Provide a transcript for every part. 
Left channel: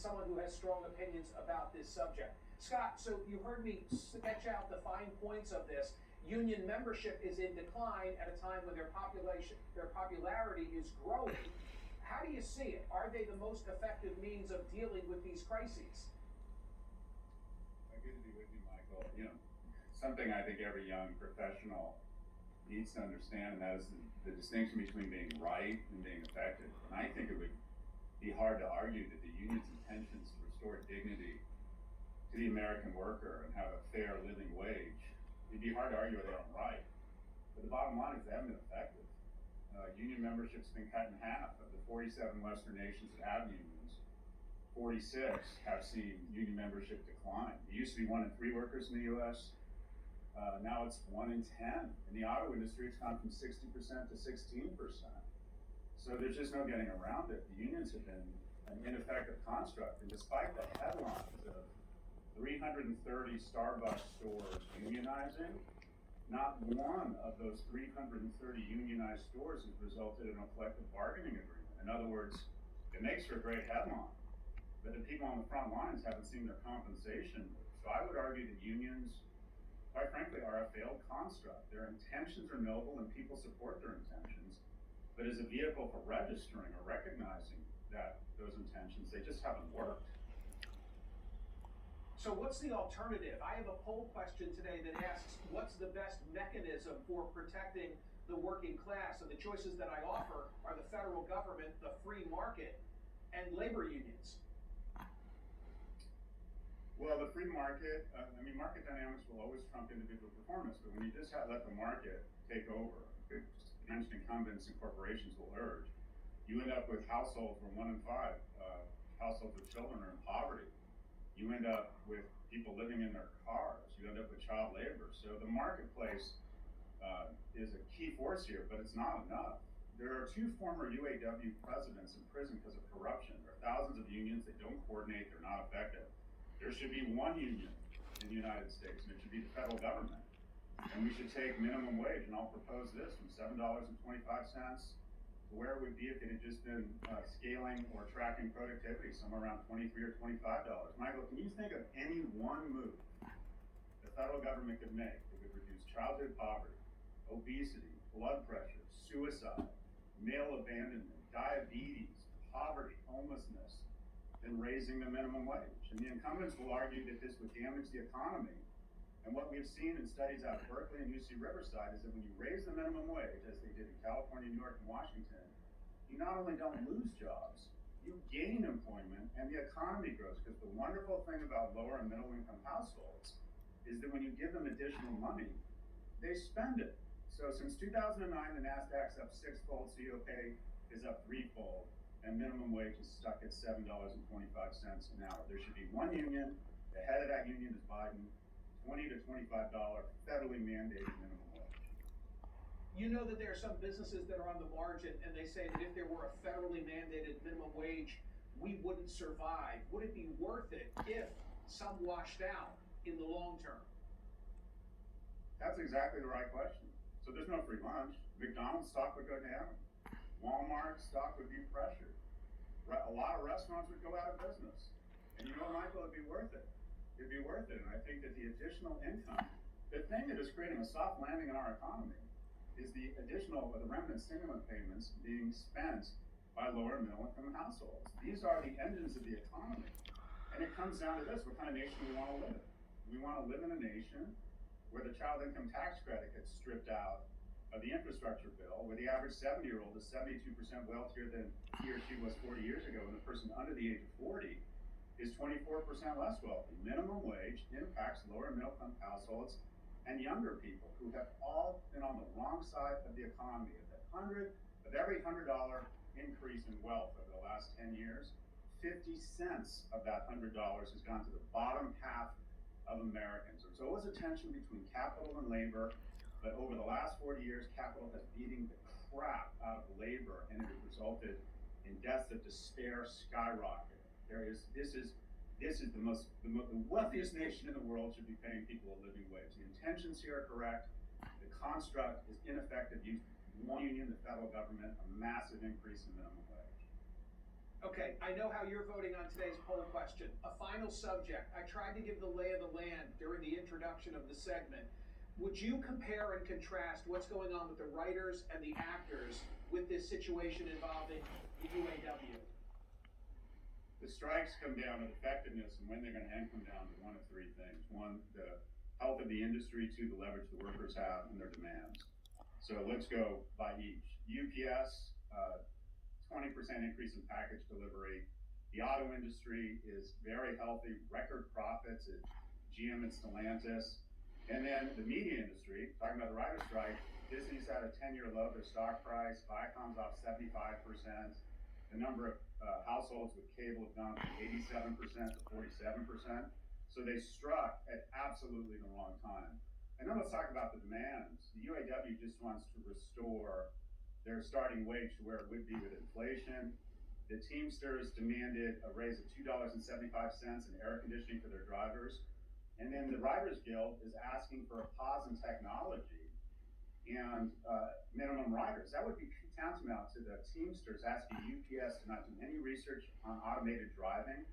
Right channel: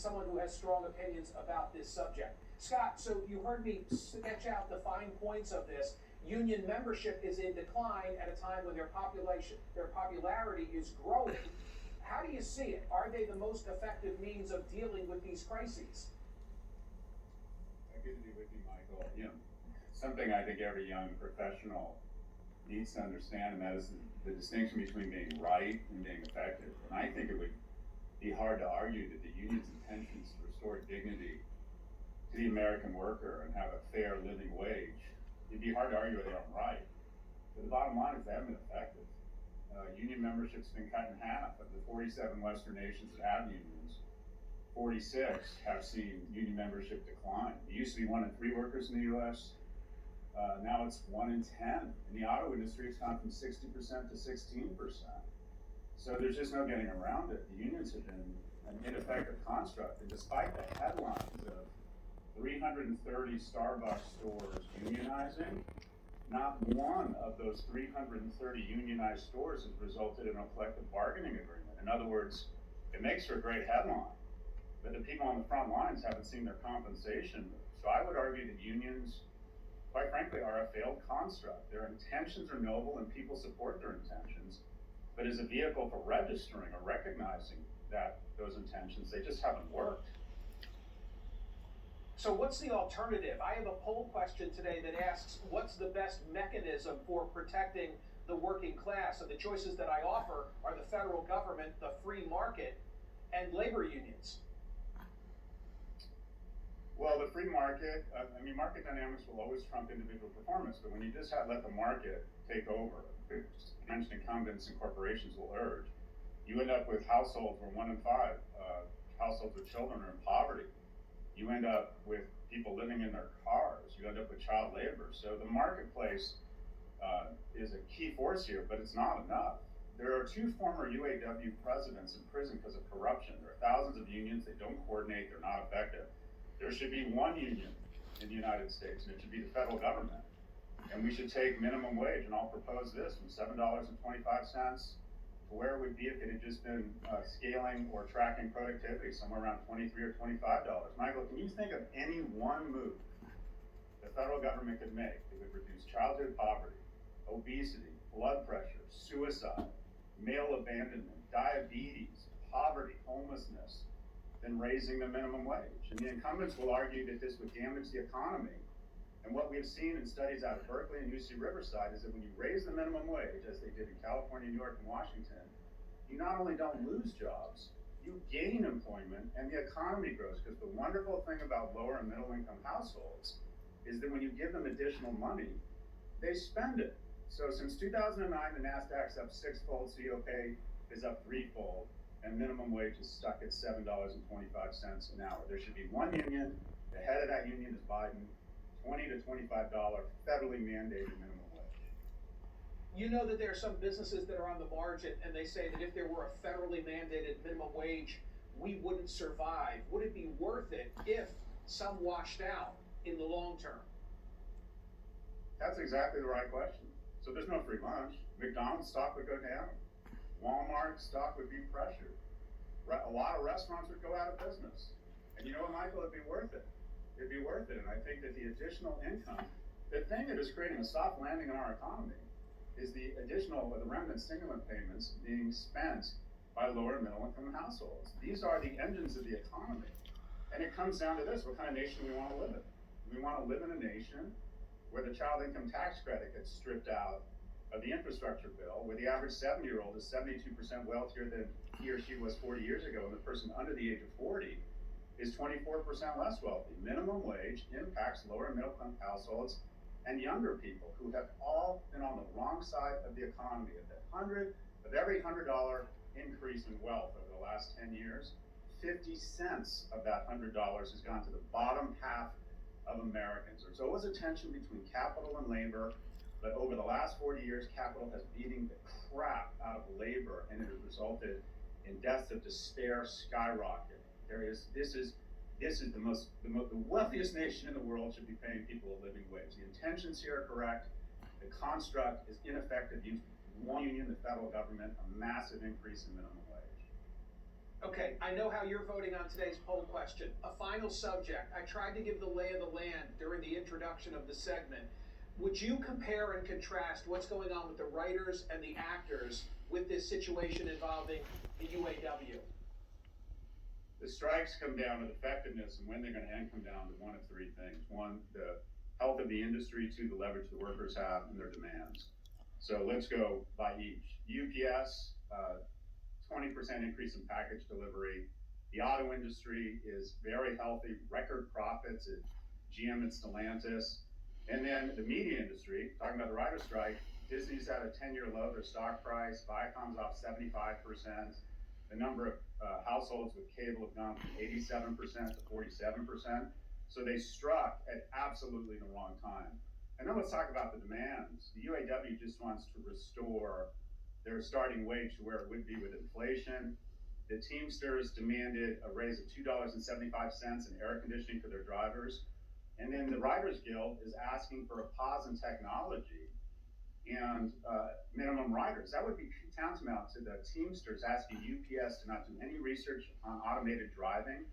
someone who has strong opinions about this subject. Scott, so you heard me sketch out the fine points of this. Union membership is in decline at a time when their popularity is growing. How do you see it? Are they the most effective means of dealing with these crises? Good to be with you, Michael. Something I think every young professional needs to understand, and that is the distinction between being right and being effective. And I think it would be hard to argue that the union's intentions to restore dignity to the American worker and have a fair living wage, it'd be hard to argue they aren't right. But the bottom line is they haven't been effective. Union membership's been cut in half. Of the 47 Western nations that have unions, 46 have seen union membership decline. It used to be 1 in 3 workers in the U.S. Now it's 1 in 10. In the auto industry, it's gone from 60% to 16%. So there's just no getting around it. The unions have been an ineffective construct, and despite the headlines of 330 Starbucks stores unionizing, not one of those 330 unionized stores has resulted in a collective bargaining agreement. In other words, it makes for a great headline, but the people on the front lines haven't seen their compensation move. So I would argue that unions, quite frankly, are a failed construct. Their intentions are noble and people support their intentions, but as a vehicle for registering or recognizing those intentions, they just haven't worked. So what's the alternative? I have a poll question today that asks, what's the best mechanism for protecting the working class? And the choices that I offer are the federal government, the free market, and labor unions. Well, the free market, market dynamics will always trump individual performance, but when you just let the market take over, which mentioned incumbents and corporations will urge, you end up with households where 1 in 5 households with children are in poverty. You end up with people living in their cars. You end up with child labor. So the marketplace is a key force here, but it's not enough. There are 2 former UAW presidents in prison because of corruption. There are thousands of unions. They don't coordinate. They're not effective. There should be one union in the United States, and it should be the federal government. And we should take minimum wage, and I'll propose this, from $7.25 to where it would be if it had just been scaling or tracking productivity, somewhere around $23 or $25. Michael, can you think of any one move the federal government could make that would reduce childhood poverty, obesity, blood pressure, suicide, male abandonment, diabetes, poverty, homelessness, than raising the minimum wage? And the incumbents will argue that this would damage the economy. And what we've seen in studies out of Berkeley and UC Riverside is that when you raise the minimum wage, as they did in California, New York, and Washington, you not only don't lose jobs, you gain employment and the economy grows. Because the wonderful thing about lower and middle income households is that when you give them additional money, they spend it. So since 2009, the NASDAQ's up 6-fold, CO pay is up 3-fold, and minimum wage is stuck at $7.25 an hour. There should be one union. The head of that union is Biden. $20 to $25 federally mandated minimum wage. You know that there are some businesses that are on the margin, and they say that if there were a federally mandated minimum wage, we wouldn't survive. Would it be worth it if some washed out in the long term? That's exactly the right question. So there's no free lunch. McDonald's stock would go down. Walmart stock would be pressured. A lot of restaurants would go out of business. And you know what, Michael, it'd be worth it. It'd be worth it. And I think that the additional income, the thing that is creating a soft landing in our economy is the additional or the remnant stimulant payments being spent by lower and middle income households. These are the engines of the economy. And it comes down to this: what kind of nation we want to live in. We want to live in a nation where the child income tax credit gets stripped out of the infrastructure bill, where the average 70-year-old is 72% wealthier than he or she was 40 years ago, and the person under the age of 40 is 24% less wealthy. Minimum wage impacts lower and middle income households and younger people who have all been on the wrong side of the economy. Of every $100 increase in wealth over the last 10 years, 50 cents of that $100 has gone to the bottom half of Americans. There's always a tension between capital and labor, but over the last 40 years, capital has beaten the crap out of labor, and it has resulted in deaths of despair skyrocketing. This is the wealthiest nation in the world should be paying people a living wage. The intentions here are correct. The construct is ineffective. Use one union, the federal government, a massive increase in minimum wage. Okay, I know how you're voting on today's poll question. A final subject. I tried to give the lay of the land during the introduction of the segment. Would you compare and contrast what's going on with the writers and the actors with this situation involving the UAW? The strikes come down to the effectiveness, and when they're going to end come down to one of three things. One, the health of the industry. Two, the leverage the workers have and their demands. So let's go by each. UPS, 20% increase in package delivery. The auto industry is very healthy, record profits at GM and Stellantis. And then the media industry, talking about the writer's strike, Disney's at a 10-year low, their stock price, Viacom's off 75%. The number of households with cable have gone from 87% to 47%. So they struck at absolutely the wrong time. And then let's talk about the demands. The UAW just wants to restore their starting wage to where it would be with inflation. The Teamsters demanded a raise of $2.75 in air conditioning for their drivers. And then the Writers Guild is asking for a pause in technology and minimum riders. That would be tantamount to the Teamsters asking UPS to not do any research on automated driving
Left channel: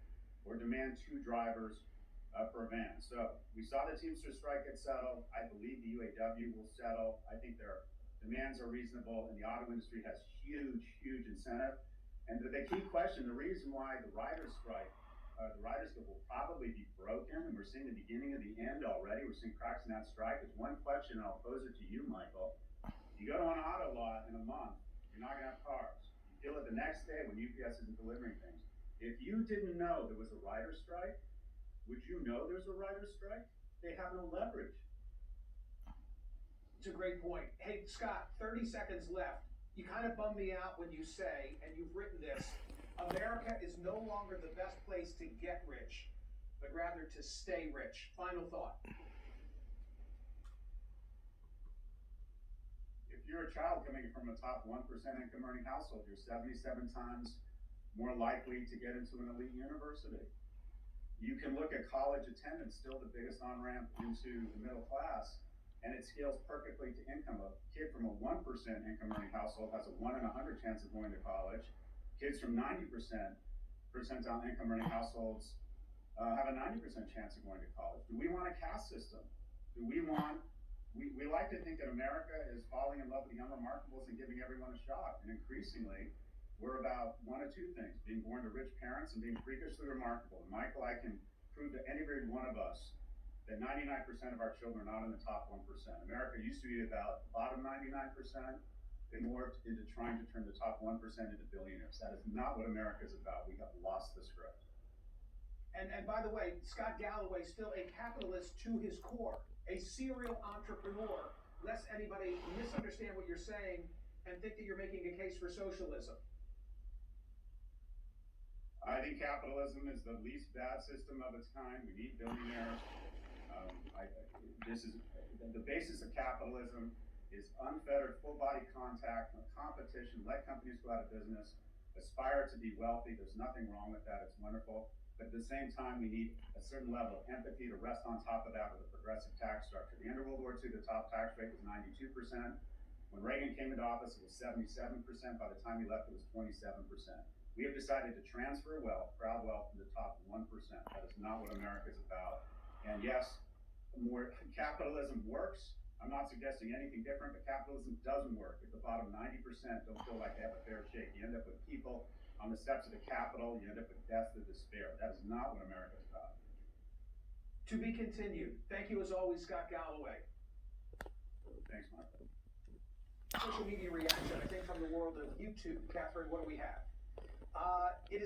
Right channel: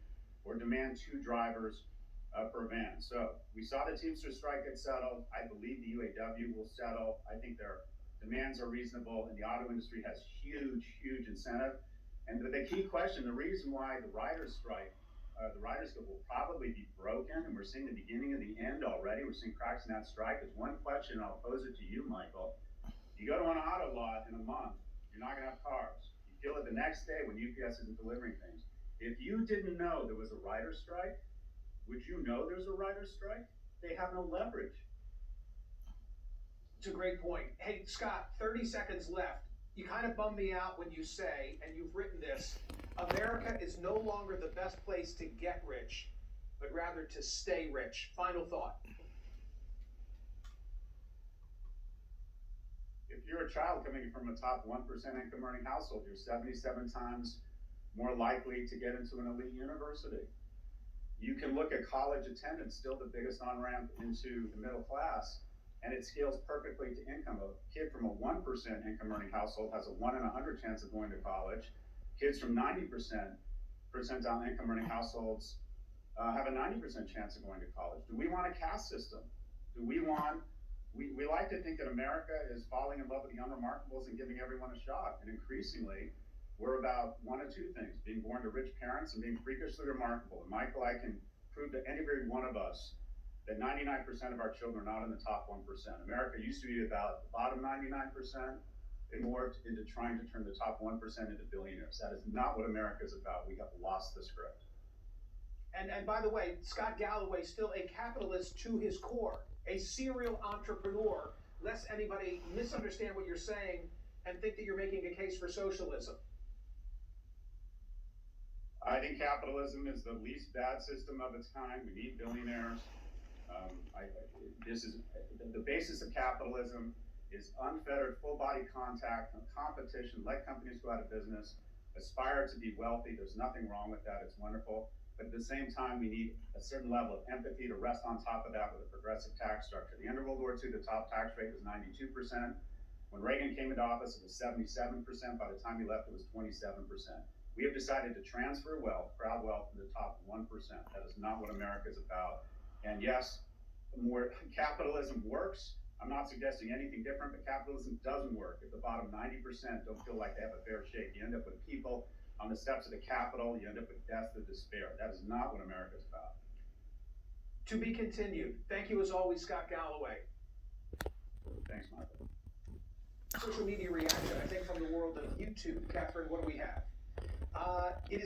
or demand 2 drivers per van. So we saw the Teamsters strike get settled. I believe the UAW will settle. I think their demands are reasonable, and the auto industry has huge incentive. And the key question, the reason why the writers strike, the Writers Guild will probably be broken, and we're seeing the beginning of the end already. We're seeing cracks in that strike. Is one question, and I'll pose it to you, Michael. You go to an auto lot in a month, you're not gonna have cars. You feel it the next day when UPS isn't delivering things. If you didn't know there was a writer's strike, would you know there's a writer's strike? They have no leverage. It's a great point. Hey, Scott, 30 seconds left. You kind of bum me out when you say, and you've written this, America is no longer the best place to get rich, but rather to stay rich. Final thought. If you're a child coming from a top 1% income earning household, you're 77 times more likely to get into an elite university. You can look at college attendance, still the biggest on-ramp into the middle class, and it scales perfectly to income. A kid from a 1% income earning household has a 1 in 100 chance of going to college. Kids from 90% percentile income earning households have a 90% chance of going to college. Do we want a caste system? Do we want, we like to think that America is falling in love with the unremarkables and giving everyone a shot. And increasingly, we're about one of two things, being born to rich parents and being freakishly remarkable. And Michael, I can prove to any one of us that 99% of our children are not in the top 1%. America used to be about the bottom 99%. It morphed into trying to turn the top 1% into billionaires. That is not what America is about. We have lost the script. And by the way, Scott Galloway, still a capitalist to his core, a serial entrepreneur, lest anybody misunderstand what you're saying and think that you're making a case for socialism. I think capitalism is the least bad system of its kind. We need billionaires. This is the basis of capitalism is unfettered full body contact, no competition, let companies go out of business, aspire to be wealthy. There's nothing wrong with that. It's wonderful. But at the same time, we need a certain level of empathy to rest on top of that with a progressive tax structure. The end of World War II, the top tax rate was 92%. When Reagan came into office, it was 77%. By the time he left, it was 27%. We have decided to transfer wealth, crowd wealth, to the top 1%. That is not what America is about. And yes, more capitalism works. I'm not suggesting anything different, but capitalism doesn't work if the bottom 90% don't feel like they have a fair shake. You end up with people on the steps of the Capitol, you end up with death and despair. That is not what America's about. To be continued. Thank you as always, Scott Galloway. Thanks, Michael. Social media reaction, I think, from the world of YouTube. Catherine, what do we have? It is